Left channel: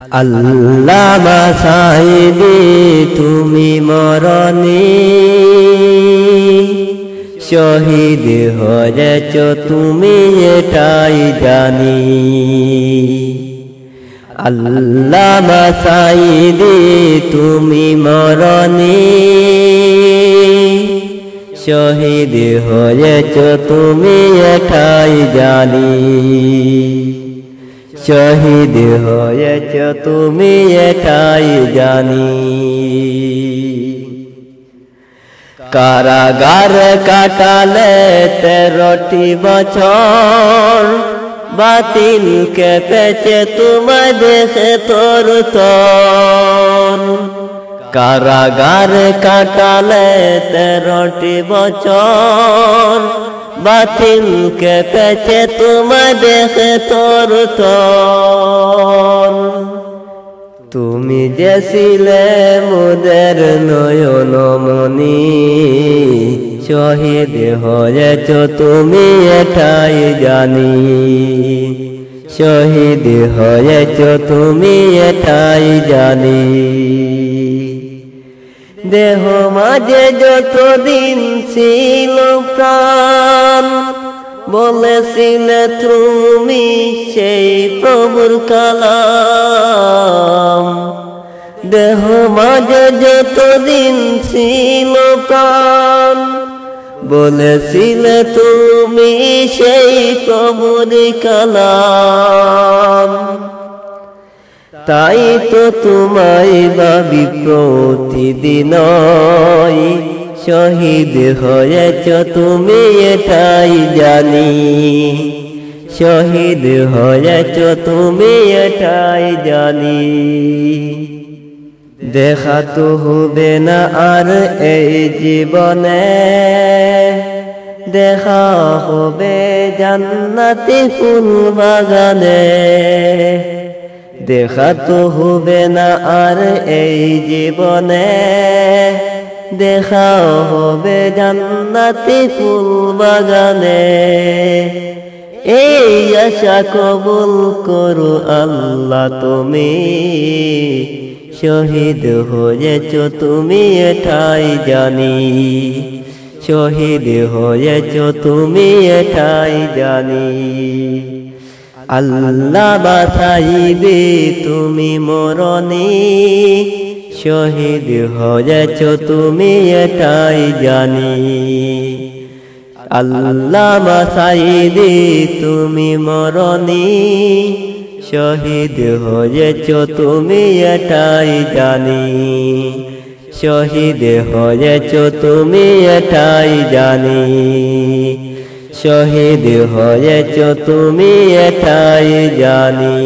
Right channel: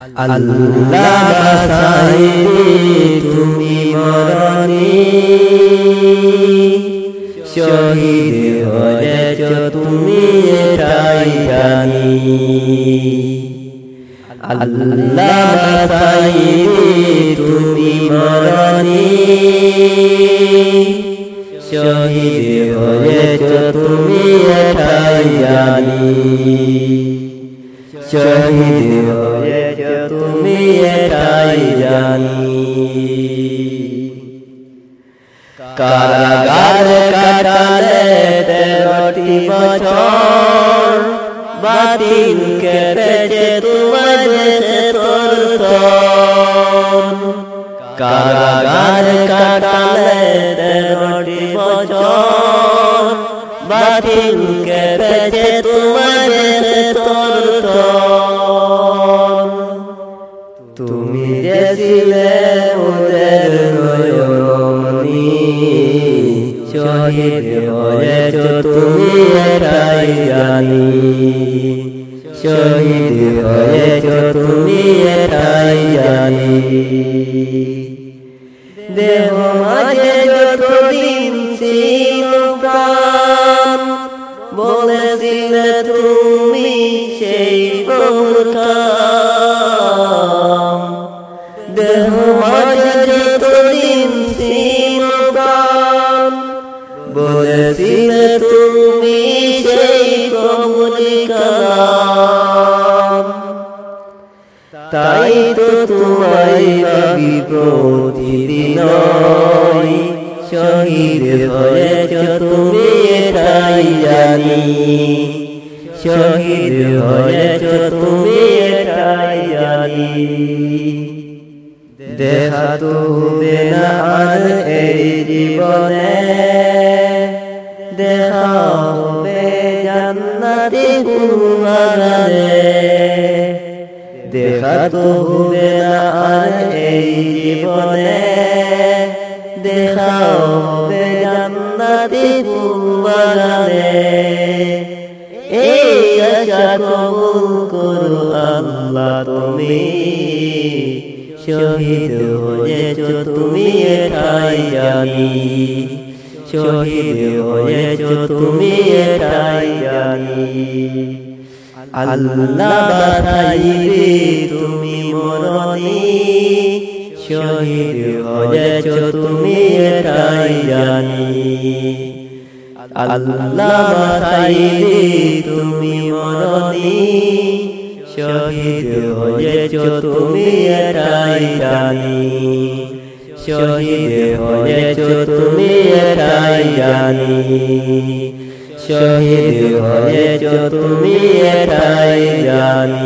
আল্লামা সাহিবি তুমি মরণী শহীদ হয়েছ তুমি এটাই জানি। আল্লামা সাহিবি তুমি মরণী শহীদ হয়েছ তুমি এটাই জানি। শহীদ হয়েছ তুমি এটাই জানি। কারাগার কাটালে 13টি বছর, বাতিল কেটেছে তোমার দেশে তোর তোর। কারাগার কাটালে 13টি বছর, বাতিল কেটেছে তোমার দেশে তোর তোর। তুমি যে ছিলে মোদের নয়নমণি শহীদ হয়েছ তুমি এটাই জানি। শহীদ হয়েছ তুমি এটাই জানি। দেহ মাঝে যতদিন ছিল প্রাণ, বলেছিলে তুমি সেই প্রভুর কালাম। দেহ মাঝে যতদিন ছিল প্রাণ, বলেছিলে তুমি সেই প্রভুর কালাম। তাই তো তোমায় ভাবি প্রতিদিন, শহীদ হয়েছ তুমি এটাই জানি। শহীদ হয়েছ তুমি এটাই জানি। দেখা তো হবে না আর এই জীবনে, দেখা হবে জান্নাতি ফুল বাগানে। দেখা তো হবে না আর এই জীবনে, দেখা হবে জান্নাতি ফুল বাগানে। এই আশা কবুল করো আল্লাহ তুমি। শহীদ হয়েছ তুমি এটাই জানি। শহীদ হয়েছ তুমি এটাই জানি। আল্লামা সাহিবি তুমি মরণী শহীদ হয়েছ তুমি এটাই জানি। আল্লামা সাহিবি তুমি মরণী শহীদ হয়েছ তুমি এটাই জানি। শহীদ হয়েছ তুমি এটাই জানি। শহীদ হয়েছ তুমি এটাই জানি।